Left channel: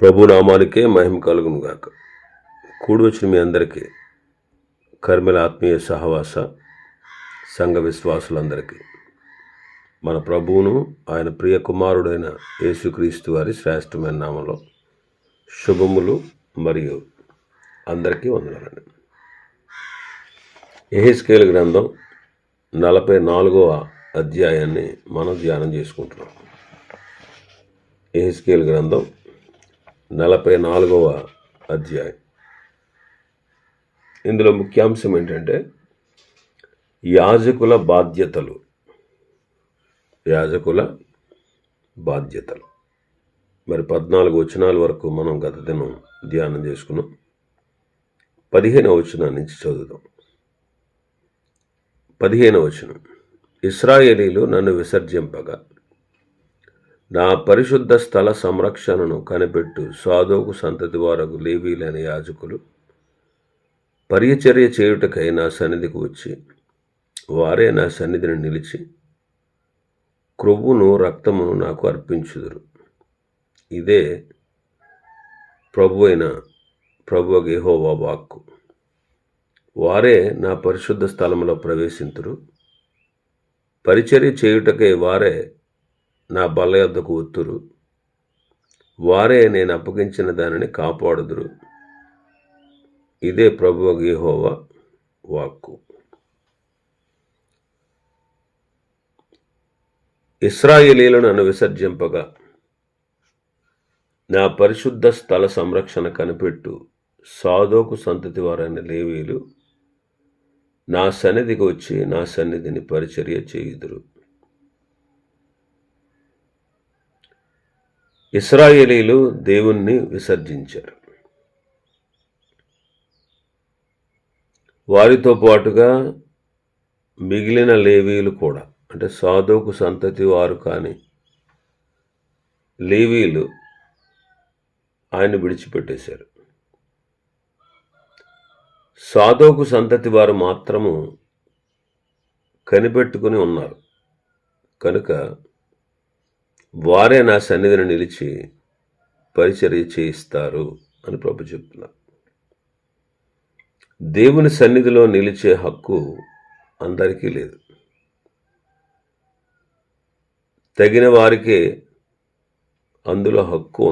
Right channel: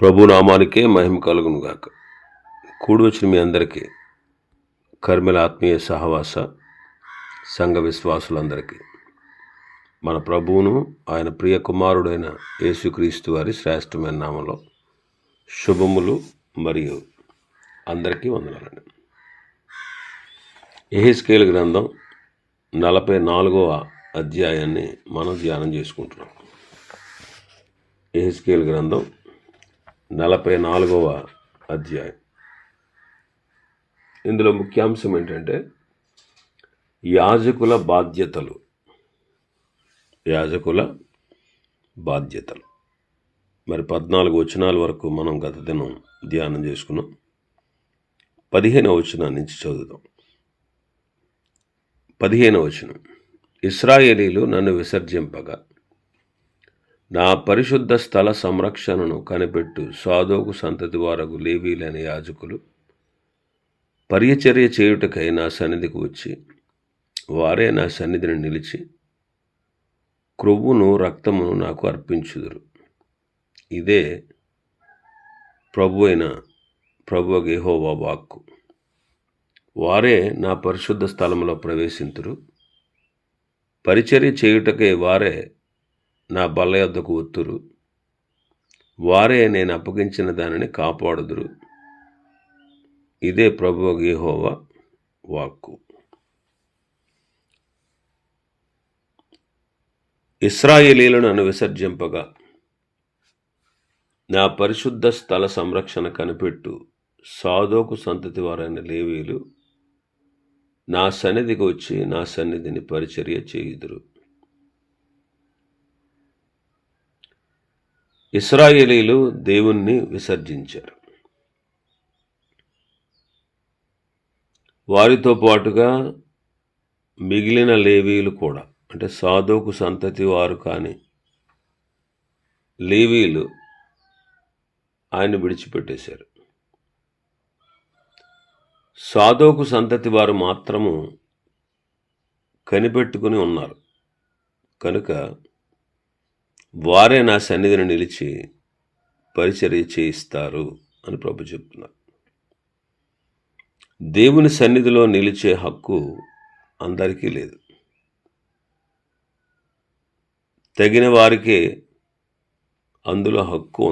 ప్రభు నామానికే మహిమ కలుగును గాక. కూడి వచ్చిన మీ అందరికీ కర్మెల ఆత్మీయ సహవాస సంఘ విశ్వాసులందరికీ మన ప్రభువును ఆయన ప్రియ కుమారుడైన యేసుక్రీస్తు వారి శ్రేష్టమైన నామంలో శుభములు మరియు అందరికీ వందనాలండి. యెహెజ్కేలు గ్రంథం 44వ అధ్యాయాన్ని మనం ధ్యానం చేసుకుంటున్నాం. యెహెజ్కేలు గ్రంథం 44వ అధ్యాయం. ఇందులో ముఖ్యాంశం ఏంటంటే యాజకుల బాధ్యతలు. మరి 14 వచనాల వరకు మనం గత దినం ధ్యానం చేసుకున్నాం. 15వ వచనం నుంచి చదువుదాం. 15వ వచనం. ఇశ్రాయేలీలు నన్ను విసర్జింపగా నా పరిశుద్ధ స్థల సంరక్షణను కనిపెట్టు సాదోకు సంతతి వారగు లేవీలైన యాజకులు పరిచర్య చేయుటకై నా సన్నిధికి వచ్చి వారే నా సన్నిధిని నిలిచి క్రొవ్వును రక్తమును నాకు అర్పించుదురు. ఇదే ప్రభువు యెహోవా వాక్కు. వారే నా పరిశుద్ధ స్థలములో ప్రవేశింతురు. పరిచర్య చేయుటకై వారే నా బల్ల యొద్దకు ఒత్తురు. వారే నేను అప్పగించిన దానిని కాపాడుదురు. ఇదే ప్రభువు యెహోవా వాక్కు. ఇశ్రాయేలీయులను నన్ను విసర్జింపగా నా పరిశుద్ధ స్థల సంరక్షణ కనిపెట్టు సాదోకు సంతతి వారైన లేవీలు నా సన్నిధికి వచ్చి నా సన్నిధిని పరిచర్య చేయుదురు. ఇశ్రాయేలీలు దేవుణ్ణి విసర్జించారు. వారితో పాటుగా మిగిలిన లేవీలు కూడా, అంటే సాదోకు సంతతి వారు కానీ లేవీలు ఆయన విడిచిపెట్టేశారు. సాదోకు సంతతి వారు మాత్రము కనిపెట్టుకుని ఉన్నారు కనుక వారే నా సన్నిధిని నిలిచి పరిచర్య చేయిస్తారు అని ప్రభు చెప్తున్నారు. దేవుని సన్నిధిలో నిలిచే హక్కు అందరికీ లేదు. తగిన వారికే అందులో హక్కు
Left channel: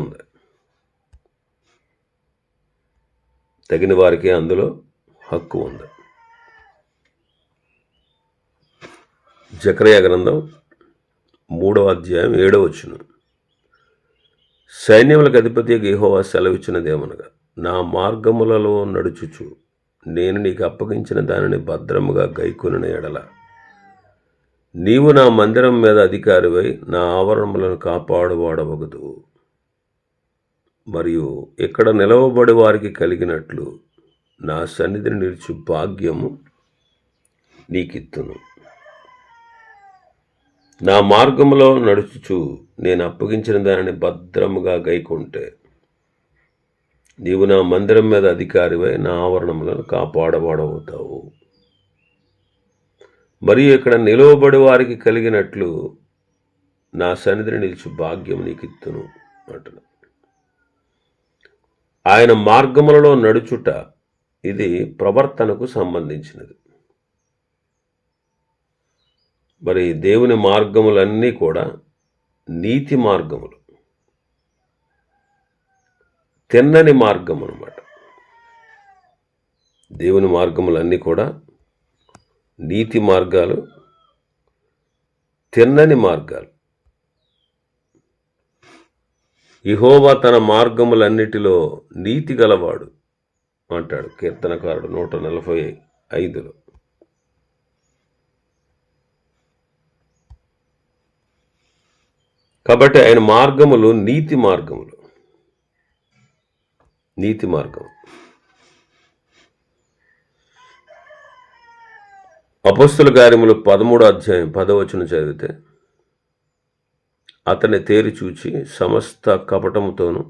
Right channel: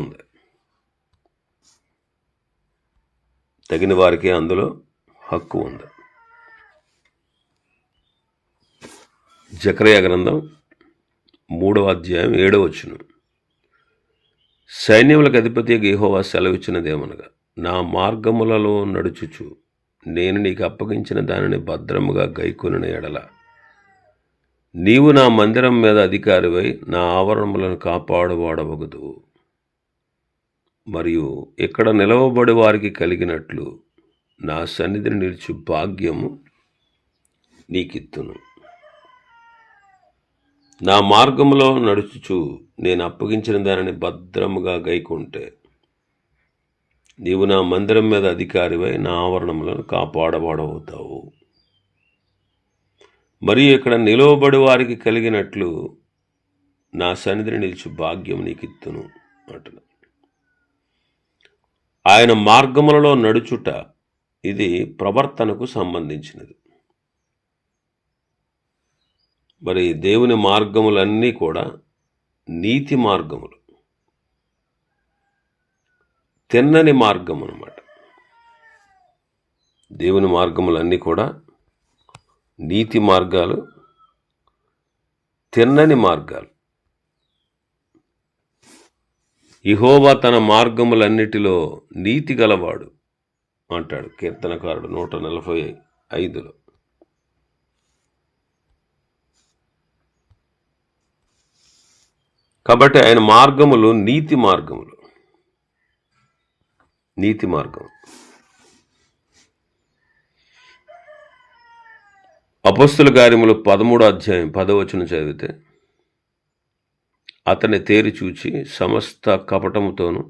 ఉంది. జకర్యా గ్రంథం 3వ అధ్యాయం 7వ వచనం. సైన్యములకు అధిపతి యెహోవా సెలవిచ్చినదేమనగా నా మార్గములలో నడుచుచు నేను నీకు అప్పగించిన దానిని భద్రముగా గైకొనిన ఎడల నీవు నా మందిరం మీద అధికారివై నా ఆవరణములను కాపాడువాడవగదు. మరియు ఇక్కడ నిలవబడి వారికి కలిగినట్లు నా సన్నిధిని నిలిచి భాగ్యము నీకిత్తును. నా మార్గములో నడుచుచు నేను అప్పగించిన దానిని భద్రముగా గైకొంటే నీవు నా మందిరం మీద అధికారివై నా ఆవరణములను కాపాడబడవుతావు. మరియు ఇక్కడ నిలవబడి వారికి కలిగినట్లు నా సన్నిధిని నిలిచి భాగ్యం నీకిత్తును అంటున్నా. ఆయన మార్గములలో నడుచుట ఇది ప్రవర్తనకు సంబంధించినది. మరి దేవుని మార్గములన్నీ కూడా నీతి మార్గములు, తిన్నని మార్గం అన్నమాట. దేవుని మార్గములన్నీ కూడా నీతి మార్గాలు, తిన్నని మార్గాలు. యెహోవా తన మార్గములన్నిటిలో నీతి గలవాడు అంటాడు కీర్తనకారుడు 145లో. కాబట్టి ఆయన మార్గములు నీతి మార్గం. అపొస్తలుల కార్యములు 13వ అధ్యాయం 10వ వచనం చదివితే అతన్ని తేరి చూచి సమస్త కపటముతోనూ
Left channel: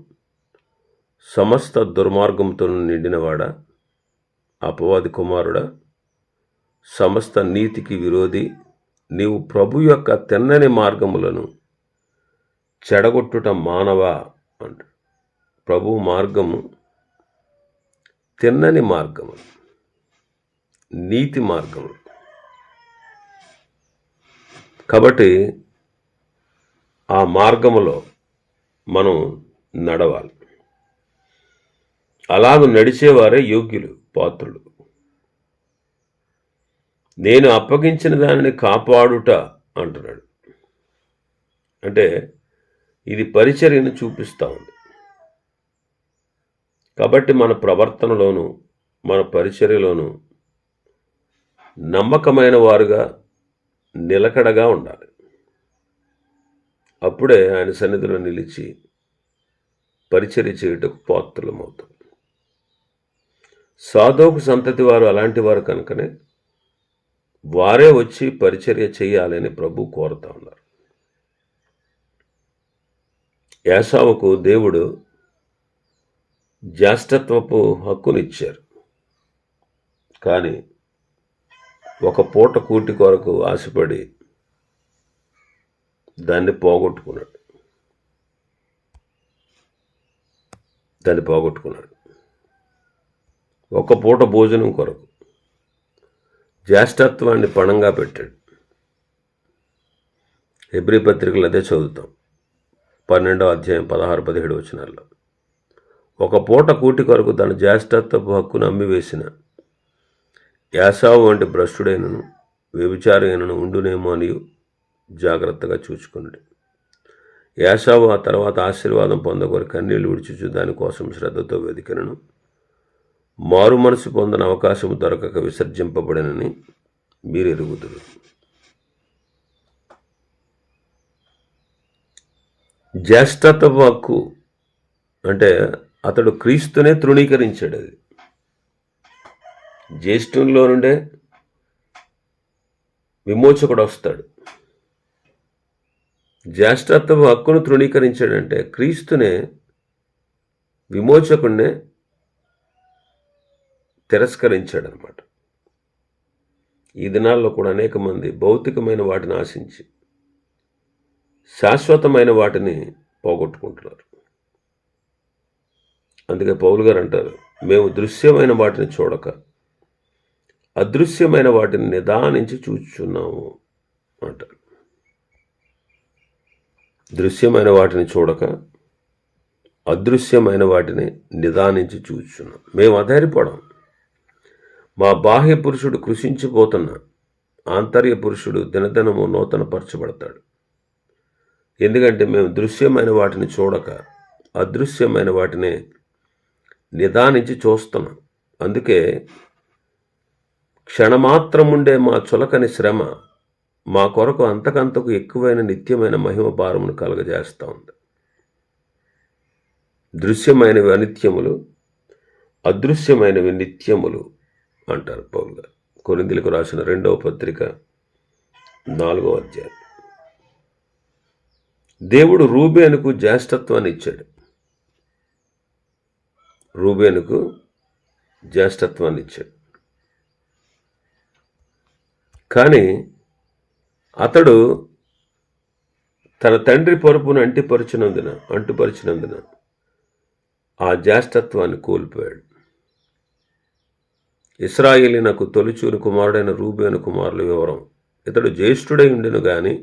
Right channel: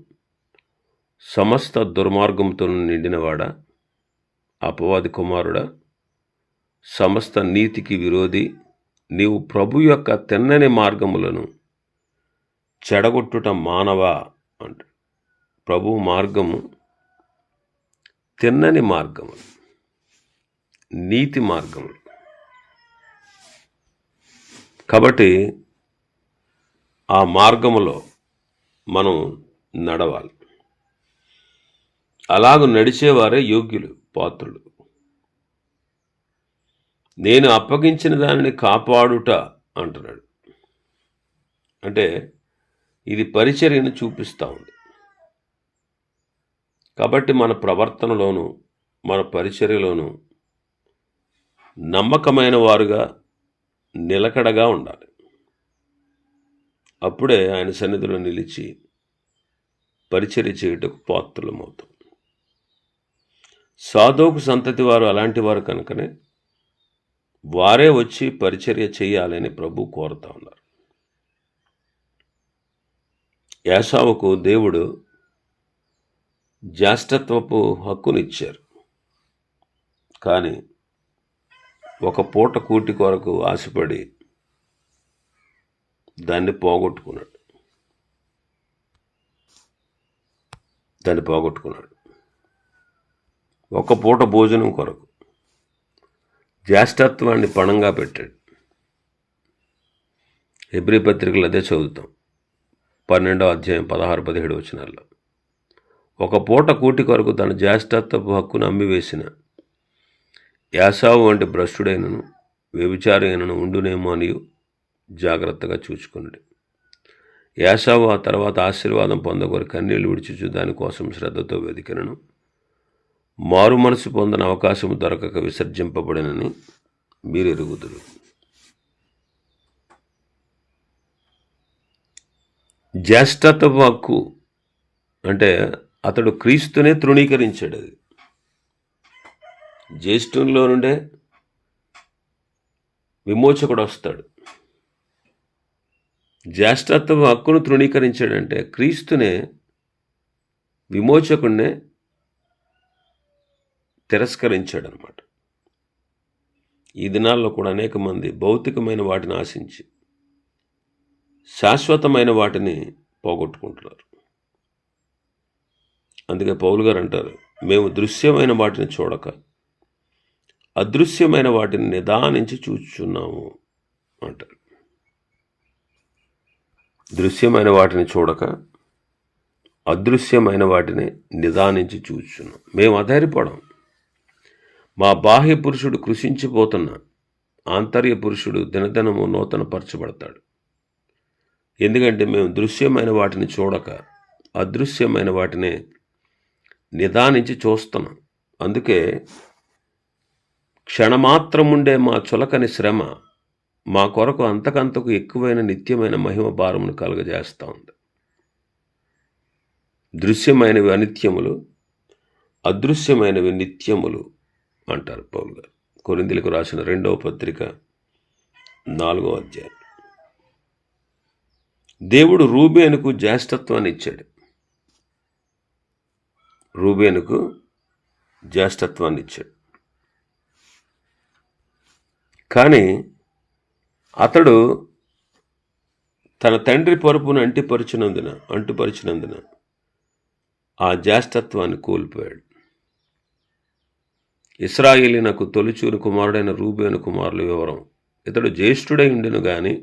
సమస్త దుర్మార్గంతోనూ నిండినవాడా, అపవాది కుమారుడా, సమస్త నీతికి విరోధి, నీవు ప్రభు యొక్క తిన్నని మార్గములను చెడగొట్టుట మానవా అంట. ప్రభువు మార్గము తిన్నని మార్గము, నీతి మార్గము. కాబట్టి ఆ మార్గములో మనం నడవాలి. అలాగూ నడిచేవారే యోగ్యులు, పాత్రులు. నేను అప్పగించిన దానిని కాపాడుట అంటున్నాడు. అంటే ఇది పరిచర్యను చూపిస్తూ ఉంది. కాబట్టి మన ప్రవర్తనలోనూ మన పరిచర్యలోనూ నమ్మకమైన వారుగా నిలకడగా ఉండాలి. అప్పుడే ఆయన సన్నిధిలో నిలిచి పరిచర్య చేయుటకు పాత్రులమవుతాం. సాదోకు సంతతి వారు అలాంటి వారు కనుకనే వారే వచ్చి పరిచర్య చేయాలని ప్రభు కోరుతా ఉన్నారు. ఏశావుకు దేవుడు జ్యేష్ఠత్వపు హక్కునిచ్చారు, కానీ ఒక పూట కూటి కొరకు ఆశపడి దాన్ని పోగొట్టుకున్నాడు. ఒక పూట భోజనం కొరకు జ్యేష్ఠత్వాన్ని పణంగా పెట్టాడు. హెబ్రీ పత్రికలు అదే చదువుతాం, 12వ అధ్యాయం 16-17 వచనాల్లో. ఒక పూట కూటి కొరకు తన జ్యేష్ఠత్వపు హక్కును అమ్మివేసిన ఏశావు వంటి భ్రష్టుడైనను వ్యభిచారైనను ఉండునేమో అని జాగ్రత్తగా చూచుకున్నాడు. ఏశావు ఆ తర్వాత ఆశీర్వాదం పొందగోరి కన్నీళ్లు విడిచుచు దానికోసం శ్రద్ధతో వెదికినను మారు మనసు పొందని అవకాశం దొరకక విసర్జింపబడినని మీరు ఎరుగుదురు. జ్యేష్ఠత్వపు హక్కు అంటే అతడు క్రీస్తునే తృణీకరించాడు. అది జ్యేష్ఠంలో నుండే విమోచకుడు వస్తాడు. జ్యేష్ఠత్వ హక్కును తృణీకరించాడంటే క్రీస్తునే, విమోచకుడినే తిరస్కరించాడనమాట. ఈ దినాల్లో కూడా అనేక మంది భౌతికమైన వాటిని ఆశించి శాశ్వతమైన వాటిని పోగొట్టుకుంటున్నారు. అందుకే పౌలు గారు అంటారు, మేము దృశ్యమైన వాటిని చూడక అదృశ్యమైన వాటిని నిదానించి చూచుచున్నాము అంటారు. దృశ్యమైన వాటిని చూడక అదృశ్యమైన వాటిని నిదానించి చూచుచున్నాం. మేము అధైర్యపడం. మా బాహ్య పురుషుడు కృషించిపోతున్న ఆంతర్య పురుషుడు దినదినము నూతనపరచబడతాడు. ఎందుకంటే మేము దృశ్యమైన వాటిని చూడక అదృశ్యమైన వాటిని నిదానించి చూస్తున్నాం. అందుకే క్షణమాత్రముండే మా చులకని శ్రమ మా కొరకు అంతకంతకు ఎక్కువైన నిత్యమైన మహిమ భారమును కలుగజేస్తూ ఉంది. దృశ్యమైనవి అనిత్యములు, అదృశ్యమైనవి నిత్యములు అంటారు పౌలు గారు. కొరింథీయులకు రాసిన 2వ పత్రిక 4వ అధ్యాయం. దేవుడు రూబేనుకు జ్యేష్ఠత్వాన్ని ఇచ్చాడు. కానీ అతడు తన తండ్రి పరుపును అంటుపరిచినందున ఆ జ్యేష్ఠత్వాన్ని కోల్పోయాడు. ఇశ్రాయేలీనకు తొలిచూరు కుమారుడైన రూబేను కుమారుల వివరం: ఇతడు జ్యేష్ఠుడై ఉండెను గాని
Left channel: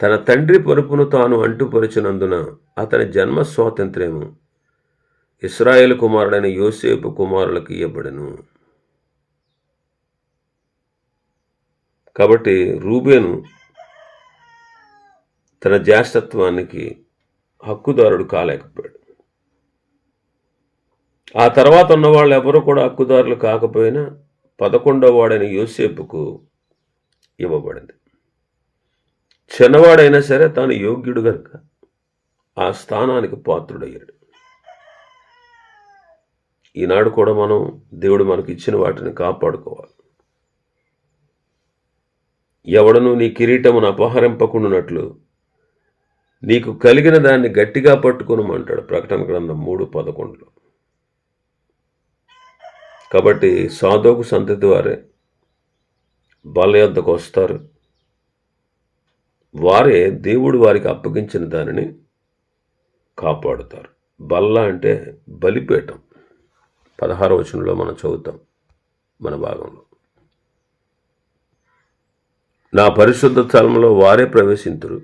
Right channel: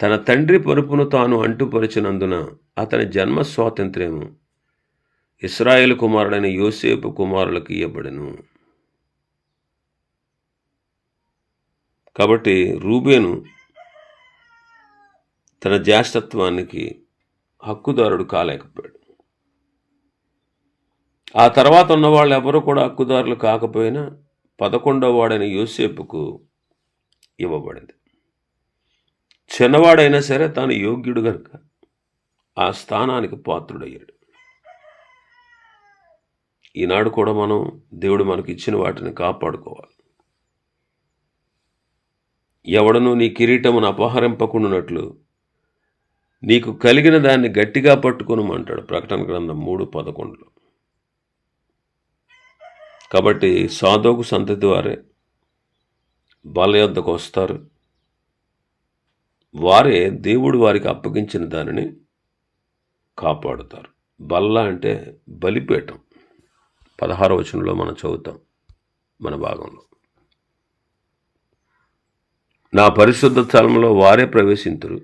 తన తండ్రి పరుపును తాను అంటుపరిచినందున అతని జన్మ స్వాతంత్ర్యము ఇశ్రాయేలు కుమారుడైన యోసేపు కుమారులకు ఇయ్యబడెను. కాబట్టి రూబేను తన జ్యేష్ఠత్వానికి హక్కుదారుడు కాలేకపోయాడు. ఆ తర్వాత ఉన్న వాళ్ళు ఎవరు కూడా హక్కుదారులు కాకపోయినా 11వ వాడైన యోసేపుకు ఇవ్వబడింది. చిన్నవాడైనా సరే తాను యోగ్యుడు గనుక ఆ స్థానానికి పాత్రుడయ్యాడు. ఈనాడు కూడా మనం దేవుడు మనకి ఇచ్చిన వాటిని కాపాడుకోవాలి. ఎవడను నీ కిరీటమును అపహరింపకుండానట్లు నీకు కలిగిన దాన్ని గట్టిగా పట్టుకొనమంటాడు ప్రకటన గ్రంథం 3:11. కాబట్టి సాదోకు సంతతి వారే బల యొద్దకు వస్తారు. వారే దేవుడు వారికి అప్పగించిన దానిని కాపాడుతారు. బల్ల అంటే బలిపీఠం. 16వ వచనంలో మనం చదువుతాం మన భాగంలో. నా పరిశుద్ధ స్థలంలో వారే ప్రవేశింతురు,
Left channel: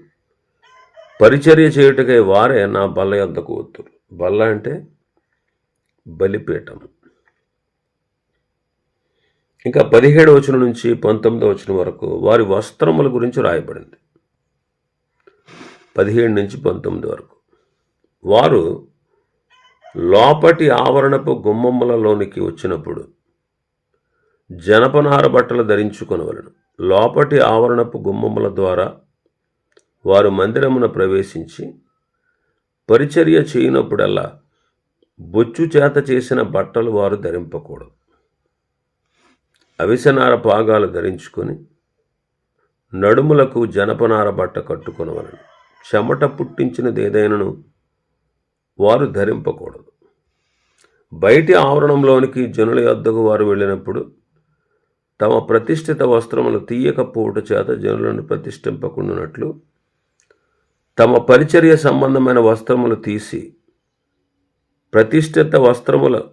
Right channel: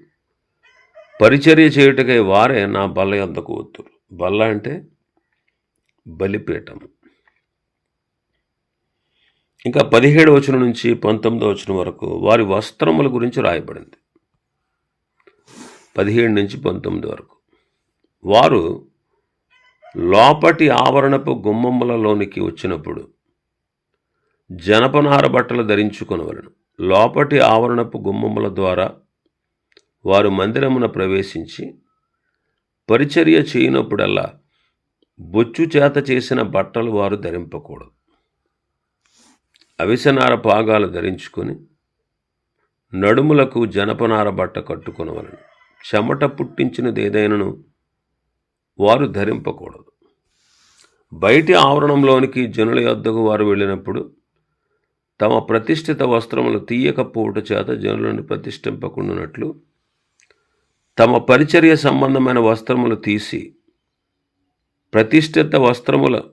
పరిచర్య చేయుటకై వారే నా బల్ల యొద్దకు వత్తురు. బల్ల అంటే బలిపీఠం. ఇంకా 17వ వచనం నుంచి 19వ వచనం వరకు వారి వస్త్రముల గురించి రాయబడింది. 17 నుంచి 19 వరకు. వారు లోపటి ఆవరణపు గుమ్మములలోనికి వచ్చినప్పుడు జనపనార బట్టలు ధరించుకొనవలెను. లోపటి ఆవరణపు గుమ్మముల ద్వారా వారు మందిరమున ప్రవేశించి పరిచర్య చేయనప్పుడల్లా బొచ్చు చేత చేసిన బట్టలు వారు ధరింపకూడదు. అవిసెనార పాగాలు ధరించుకొని నడుములకు జనపనార బట్ట కట్టుకొనవలెను. చెమట పుట్టించినదేదైనను వారు ధరింపకూడదు. బయటి ఆవరణంలోనికి జనుల యొద్దకు వారు వెళ్ళినప్పుడు తమ ప్రతిష్ఠిత వస్త్రములు తీయకపోవుట చేత జనులను ప్రతిష్ఠింపకుండానట్లు తమ పరిచర్య సంబంధమైన వస్త్రములు తీసి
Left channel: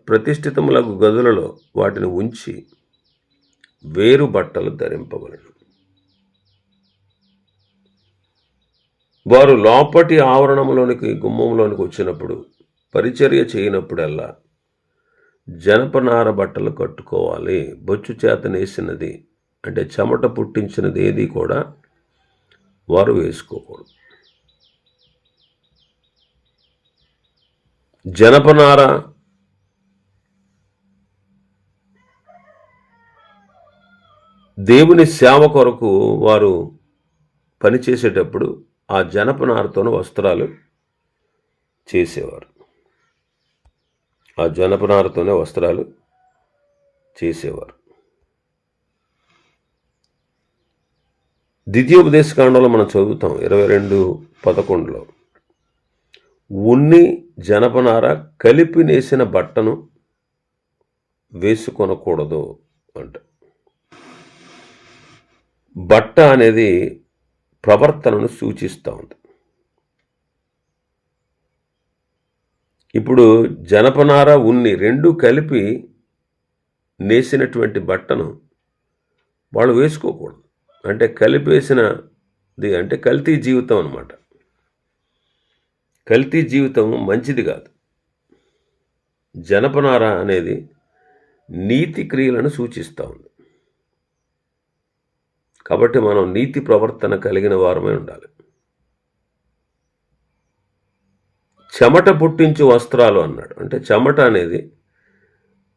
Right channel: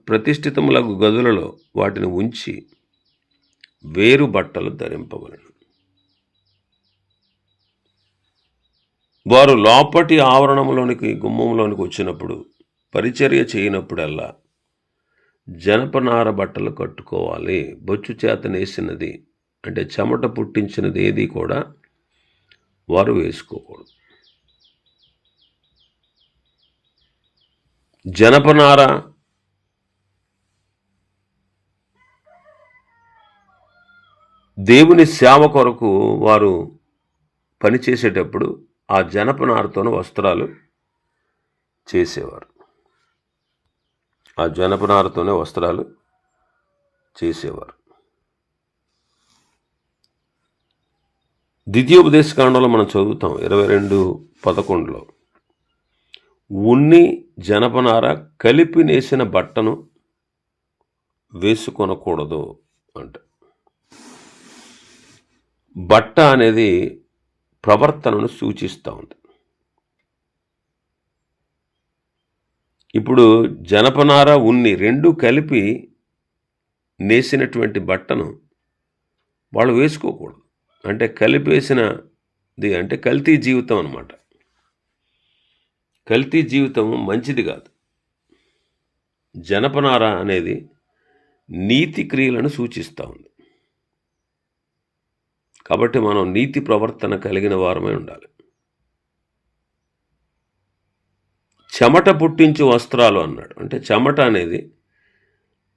ప్రతిష్ఠితములకు గదులలో వాటిని ఉంచి వేరు బట్టలు ధరింపవలెను. వారు లోపటి ఆవరణంలోనికి గుమ్మంలోనికి వచ్చినప్పుడు పరిచర్య చేయనప్పుడల్లా జనపనార బట్టలు కట్టుకోవాలి. బొచ్చు చేత నేసినది అంటే చెమట పుట్టించినది ఏది కూడా వారు వేసుకోకూడదు. జనపనార దేవుని సేవ కొరకు వారు పనిచేసేటప్పుడు ఆ జనపనారతోన వస్త్రాలు చేసేవారు. ఆ జనపనారతోనే వస్త్రాలు చేసేవారు. ద్వితీయోపదేశకాండంలో మనం చదువుతాం 22:11లో ఉన్ని జనపనార కలిపి నేసిన బట్టను వేసుకొనకూడదు అంట. బట్ట అనేది ప్రవర్తనను సూచిస్తూ ఉంది. ఇప్పుడు జనపనార ఉన్ని రెండు కలిపి నేసినటువంటి బట్టను వాళ్ళు వేసుకోకూడదు. అంటే కలిపేసినది అంటే కల్తీ జీవితం అన్నమాట. కల్తీ జీవితం మంచిది కాదు. జనపనార అనేది నీతి క్రియలను సూచిస్తూ ఉంది. కాబట్టి మనం నీతి ప్రవర్తన కలిగిన వారమై ఉండాలి. చెమట పుట్టించు వస్త్రాలు అన్నాడు. అంటే చెమట అనేది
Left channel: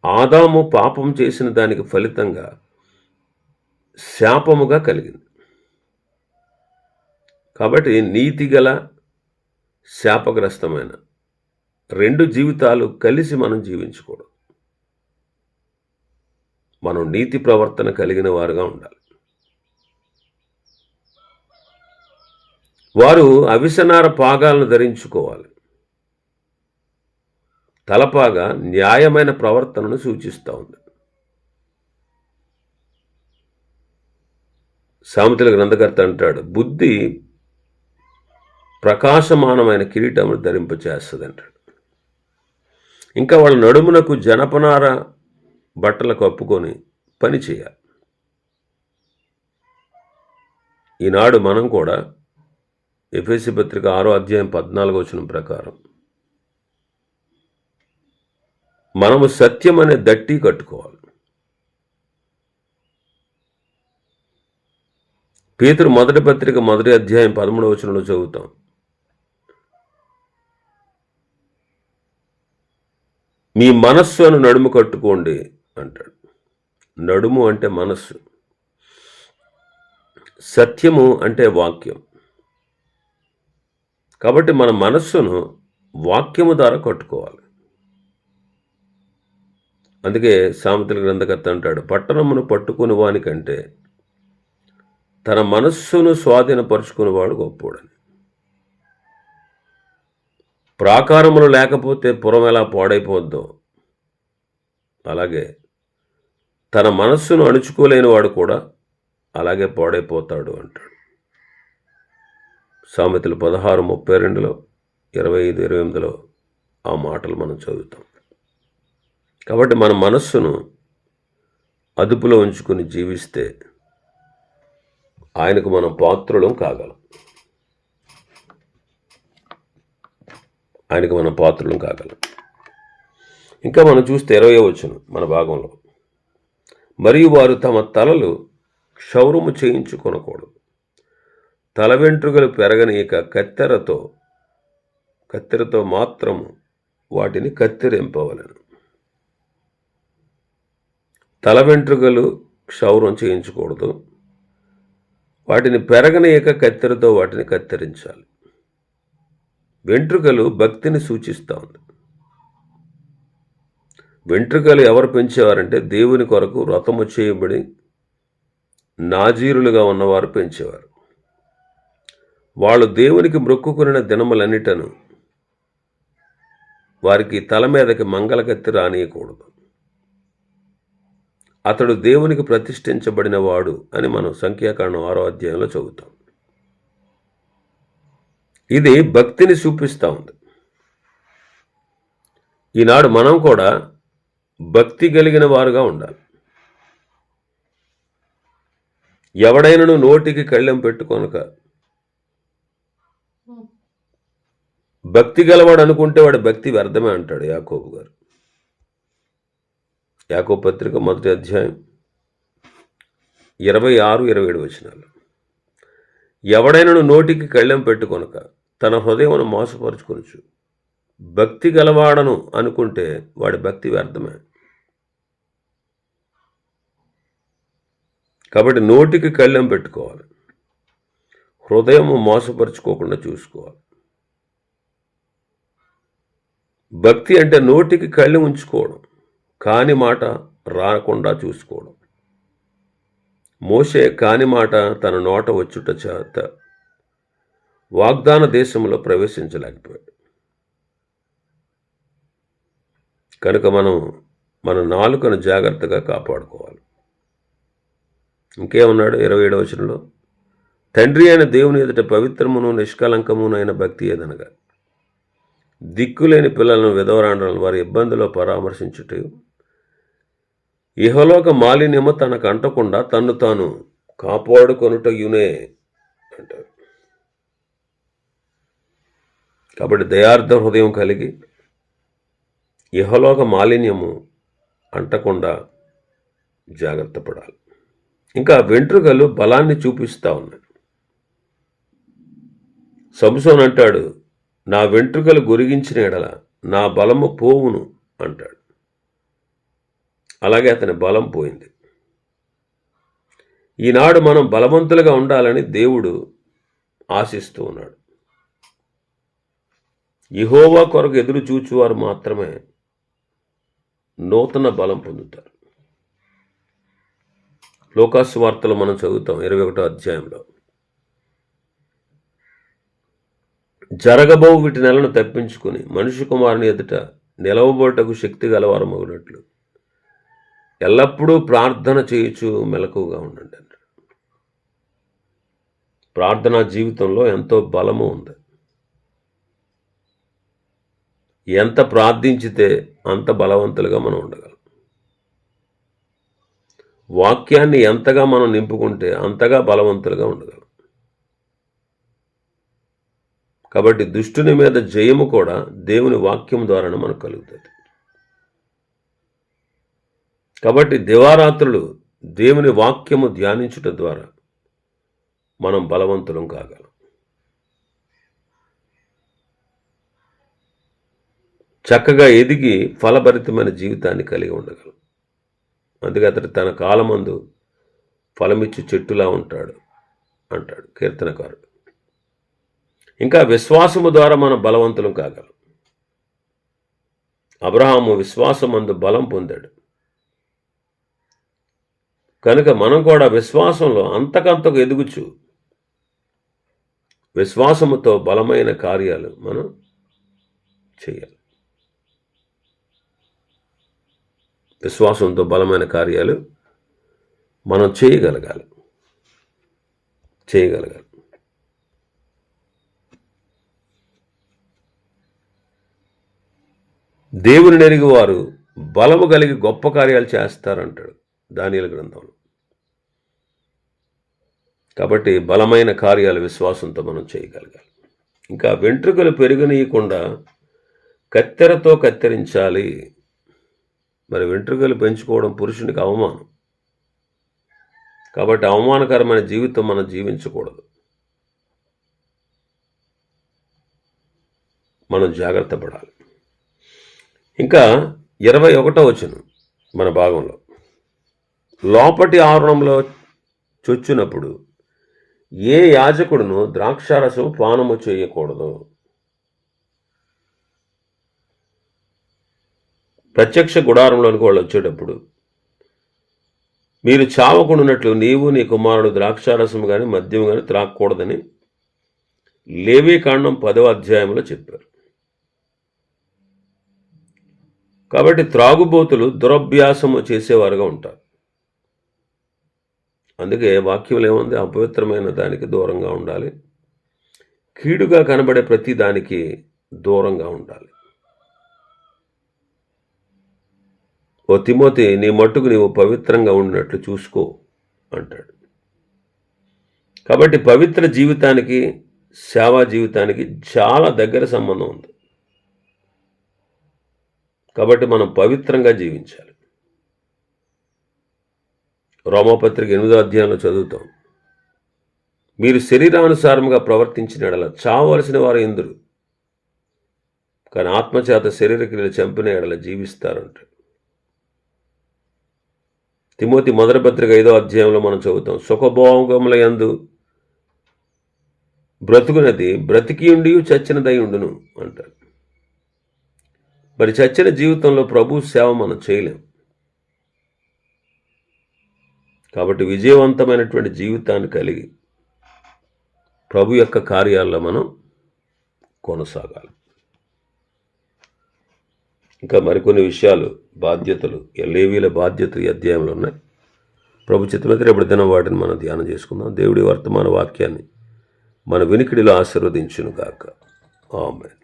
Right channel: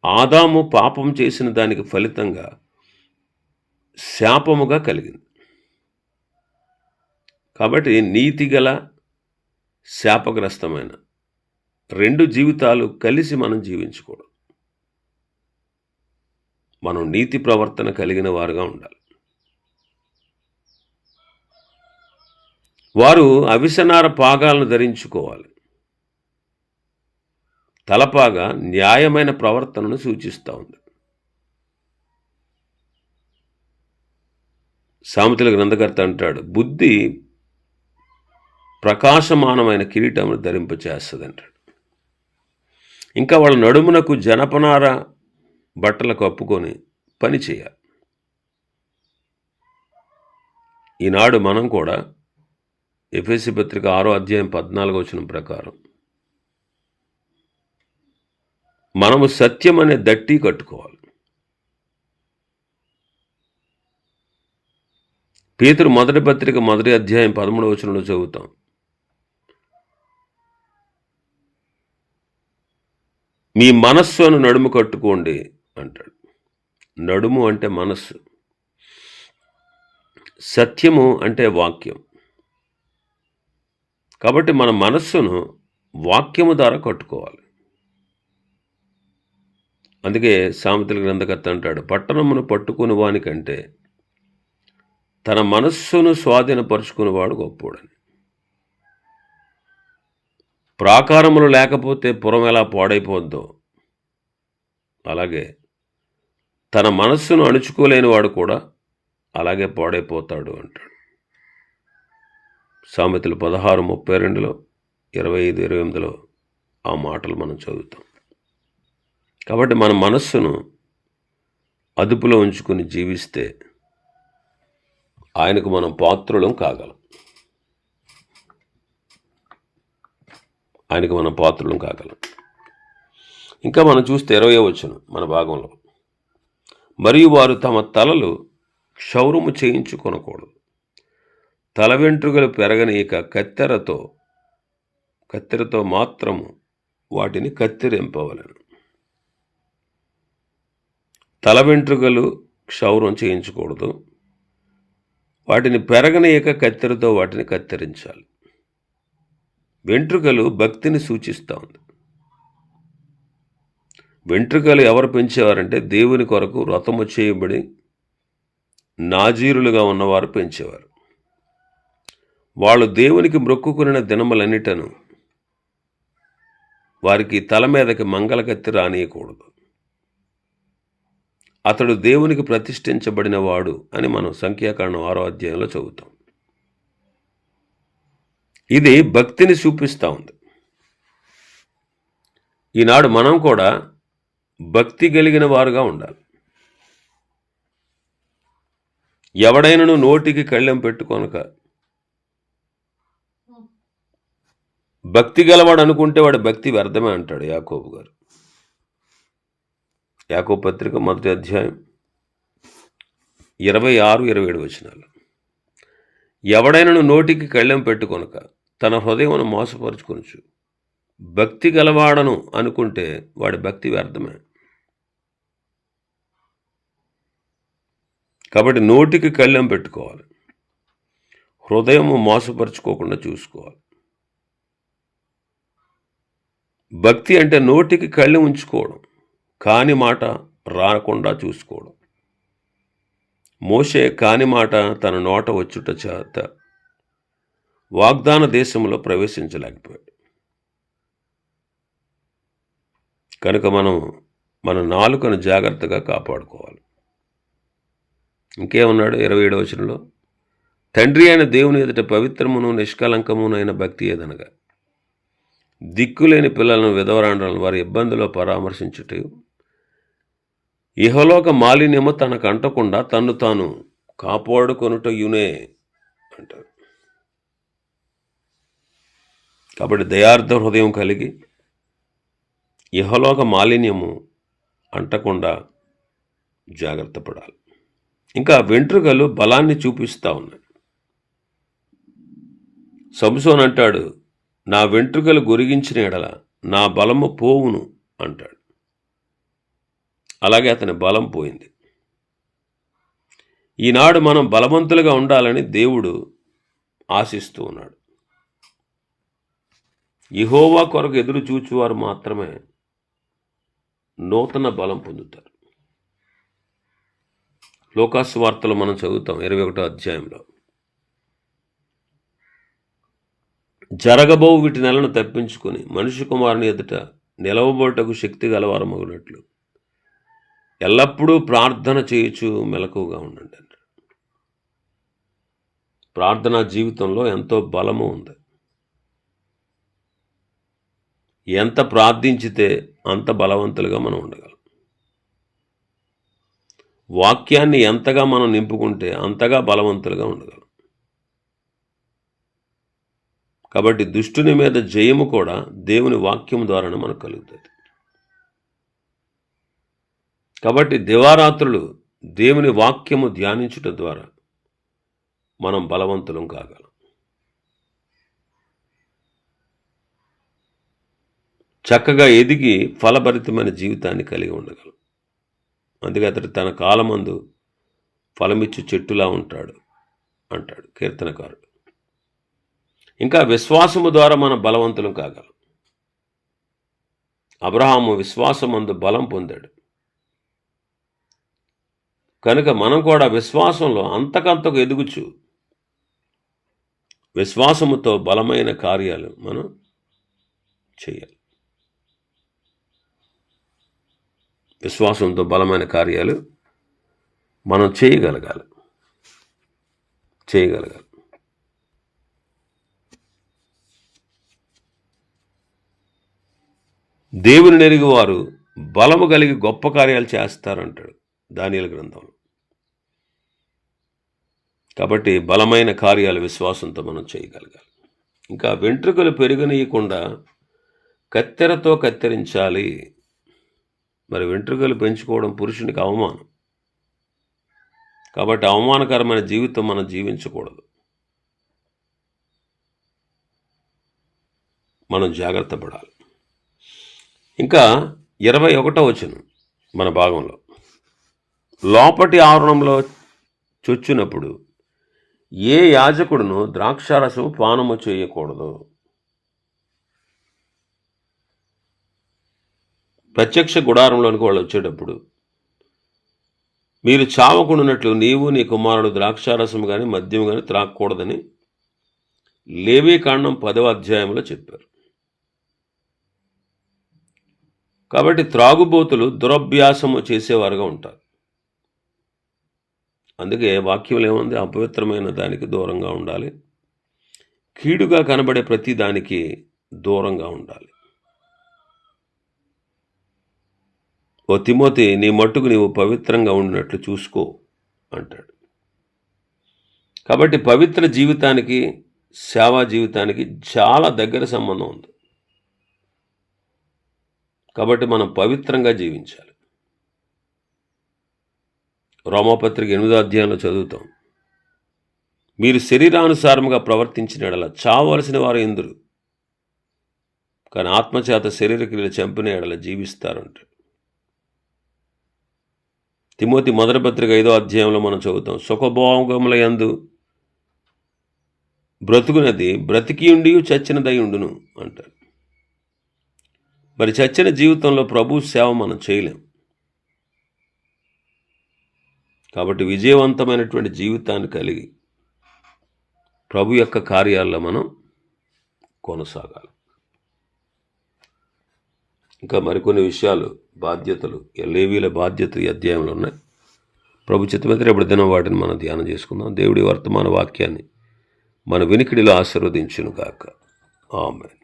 ఆదాము పాపం చేసిన దానికి ఫలితంగా శాపముగా కలిగింది. కాబట్టి నీతిగల శాపగ్రస్తమైన రెండు జీవితాలు కలిసి మనం జీవించకూడదు. మనం నీతి ప్రవర్తన కలిగిన వారుగా ఉండాలి. వారు అవిసెనార పాగాలను ధరించుకోవాలి. తలపాగా న్యాయమైన ప్రవర్తనను సూచిస్తూ ఉంది. సామెతల గ్రంథకర్త అంటాడు, బుద్ధి ప్రకాశమానమైన కిరీటమును ధరింపచేస్తుంది అంటాడు. ఇంకా వాళ్ళ నడుమునకు జనపనార బట్టలు కప్పుకొని పని చేయాలి. ఈనాడు మనం కూడా ఎఫెసీ పత్రిక 6:14 ప్రకారం మనము సత్యం అనే దట్టి కట్టుకోవాలి. పేతురు మొదటి పత్రిక 1:13 చదువుతాం. మీ మనస్సును నడుము కట్టుకోండి అంటాడు. నడుము అంటే మనస్సు, సత్యము అంటే వాక్యం. కాబట్టి మన మనస్సును వాక్యము ద్వారా కట్టుకోవాలి. అందుకే సామెతల గ్రంథకర్త అంటాడు, పట్టణమును పట్టుకుని వానికంటే తన మనస్సును స్వాధీనపరుచుకునేవాడు గొప్పోడని. ప్రాకారములు లేకపోతే పురం ఎలా పాడైపోద్దో అలాగే తన మనస్సును అణుచుకోలేని వాడు కూడా అలాగే పాడైపోతాడు అంటాడు. సామెతలు 16:32, 25-28 ఆ మాటలు మనం చదువుతాం. కాబట్టి మన మనస్సును అదుపులో ఉంచుకుని జీవిస్తే ఆయనకు మనం పాత్రులం కాగలం. ఆయనకు మనం పాత్రులం కాగలం. ఇంకా మనం చూస్తే 20వ వచనం మన భాగంలో, మరియు వారు తమ తలలు క్షౌరము చేయించుకొనకూడదు, తల వెంట్రుకలు పెరగనీయక కత్తెరతో మాత్రము వాటిని కత్తిరింపవలెను. తల వెంట్రుకలు క్షౌరం చేయించకూడదు, వాటిని పెరగనీయక కత్తెరతో వాటిని కత్తిరించాలి. వెంట్రుకలు భక్తిని సూచిస్తూ ఉంది. వెంట్రుకలు ఎవరు పెంచేవారంటే దేవుని కొరకు వ్రతము చేయబడి నాజీరులుగా ఉన్నవారు పెంచేవారు. వాళ్ళు దేవునికి మొక్కుకున్న దినములన్నిటను వారికి తల మీదకి మంగళకత్తి రానియకూడదు. అతడు దేవునికి ప్రతిష్ఠించబడిన వాడు అని మనం సంఖ్యాకాండం 6వ అధ్యాయంలో చదువుతాం. ఇది భక్తిని చూపిస్తూ ఉంది. ఈనాడు మనం కూడా భక్తి కలిగిన వారుగా ఉండాలి. ఎవడైనను నోటికి కళ్ళెం పెట్టుకొనక భక్తి గలవాడు అనుకుంటే వాడి భక్తి వ్యర్థమే అంటాడు యాకోబు గారు. యాకోబు పత్రిక 1వ అధ్యాయం 26-27 వచనాలు. ఎవడైనను నోటికి కళ్ళెం పెట్టుకొనక తన హృదయమును మోసపరుచుకొనుచు భక్తి గలవాడను అనుకుంటే వాడి భక్తి వ్యర్థమే. కాబట్టి నోటికి కళ్ళెం పెట్టుకోవాలి, హృదయము మోసపరుచుకోకుండా చూసుకోవాలి. భక్తి అంటే నోటికి కళ్ళెం ఉంచుకోవడం, కాని మాట రాకుండా చూసుకోవడం. మోషే కాని మాట తన నోట వచ్చుట చేత వాగ్దాన దేశంలో ప్రవేశించలేకపోయాడు. కనుక మన నాలుకను జాగ్రత్తగా కాపాడుకోవాలి. ఇంకేమన్నాడు 27వ వచనంలో, తండ్రి అయిన దేవుని ఎదుట పవిత్రమును నిష్కలంకమును అయిన భక్తి ఏదనగా దిక్కులేని పిల్లలను విధవరాండ్రలను వారి ఇబ్బందిలో పరామర్శించుట, ఇహలోక మాలిన్యము తనకు అంటకుండా తన్ను తాను కాపాడుకొనుటయునే అంటారు. కాబట్టి దయార్థ హృదయం కలిగి ఇహలోక మాలిన్యము అంటకుండా జాగ్రత్త పడాలి. ఇంకా వెంట్రుకలు బలాన్ని చూపిస్తూ ఉన్నాయి. సంసోన్ అంటాడు, నా వెంట్రుకలు గొరిగించిన ఎడల నా బలము పోవును అంటాడు. అలాగే అతని బలం పోయింది. ఈనాడు మనం బలవంతులుగా ఉండాలని దేవుడు ఆశిస్తూ ఉన్నాడు. యెహోవా కొరకు ఎదురు చూచువారు మాత్రమే నూతన బలం పొందుతారు. లోకాసు వార్తలు మనం చదువుతాం 21వ అధ్యాయంలో, జరగబో వీటి నెలను తప్పించుకొని మనుష్య కుమారుని ఎదుట నిలవబోటకు శక్తి గలవారమగునట్లు ఎల్లప్పుడూ ప్రార్థన చేయుచు మెలకువగా ఉండండి. ప్రార్థనా జీవితంలో ఎంతో బలము ఉంది. ఎంత ప్రార్థించితే అంత బలవంతులుగా మనం ఉండగలం. వాక్యాన్ని ఎంతగా మనం నింపుకుంటే అంతగా బలవంతులుగా ఉండగలం. కాబట్టి దుష్టుని మీద జయము కూడా దేవుని వాక్యం ద్వారానే మనకు కలుగుతుంది. కాబట్టి దివారాత్రులు దేవుని వాక్యము ధ్యానించుట ద్వారా మనం బలవంతులం కాగలం. చక్కగా ఎదిగి ఫలభరితమైన జీవితాన్ని కలిగి ఉండగలం. అందుకే అతడు తన కాలమందు ఫలమిచ్చు చెట్టులా ఉంటాడు అంటాడు కీర్తనకారుడు. ఇంకా విశ్వాసము ద్వారా మనం బలవంతులం కాగలం. అబ్రహాము విశ్వాసమందు బలం పొందాడు. కనుక మనం కూడా విశ్వాసంలో అంతకంతకు ఎదుగుచు విశ్వాసముతో బలమైన కార్యాలు మనం చేయాలి. విశ్వాసంతో బలమైన కార్యాలు మనం చేయగలగాలి. దేవుని ఎరిగి వారు బలము కలిగి గొప్ప కార్యాలు చేస్తారంటాడు దానియేలు గ్రంథంలో. కాబట్టి బలమైన కార్యాలు విశ్వాసంతో మనం చేయగలగాలి. ఇంకా వెంట్రుకలు పెరగనీయకుండా కత్తెరతో కత్తిరించాలి. మరి వెంట్రుకలు పెంచుకోవడం పురుషునికి అవమానం. కాబట్టి అవమానకరమైన జీవితం మనం జీవించకూడదు. మనం జాగ్రత్త పడాలి. ఇంకా 21వ వచనం మన భాగంలో, లోపటి ఆవరణంలో చొచ్చునప్పుడు ఏ యాజకుడును ద్రాక్షారసం పానము చేయకూడదు. ప్రత్యక్ష గుడారంలోనికి వాళ్ళు వచ్చేటప్పుడు, మీరు చావకుండానట్లు నీవు నీ కుమారుడు ద్రాక్షారసం కానీ మద్యం కానీ త్రాగకూడదని లేవీకాండం 10వ అధ్యాయంలో చెప్పారు. కాబట్టి త్రాగుబోతులు దురభ్యాసము చేసేవారుగా ఉంటారు. అందుకే వాక్యంలో ఏముంది? అపవిత్రమైన దానికి దూరంగా ఉండాలి, కీడుగా కనబడే ప్రతి దానికి దూరంగా ఉండాలి. ఓ తిమోతి, నీ మట్టుకు నీవు పవిత్రంగా ఉండినట్లు చూసుకో అంటాడు. కాబట్టి పవిత్ర జీవితానికి సేవా జీవితానికి చాలా దగ్గర సంబంధం ఉంది. కాబట్టి మనం పవిత్రంగా జీవించాలి. రోమాపత్రిక 8వ అధ్యాయంలో చదువుతాం, మీరు శరీరానుసారముగా ప్రవర్తించిన ఎడల చావలసిన వారు ఎందురు, కానీ ఆత్మచేత శరీర క్రియలు చంపిన ఎడల జీవిస్తారంటాడు. తిమోతి మొదటి పత్రిక 5వ అధ్యాయంలో మనం చదువుతాం, సుఖభోగముల యందు బ్రతుకునది బ్రతికియుండి చచ్చినదై ఉండును అంటాడు. మరి చచ్చిన జీవితంలో ప్రభు సేవ మనం చేయలేం. కాబట్టి విజయవంతమైనటువంటి జీవితాన్ని కలిగి ప్రభు యొక్క కార్యాల్లో మనం కొనసాగాలి. ఇంకా మరికొన్ని విషయాలు, బాధ్యతలు, లేవీల బాధ్యతలు ఈ అధ్యాయంలో ఉన్నాయి. ప్రభు చిత్తమైతే రేపటి దినం వాటిని మనం ధ్యానం చేసుకుందాం. దేవుడి వర్తమాన వాక్యాన్ని మన వినికిడిలో ఆశీర్వదించును గాక. ఆమేన్.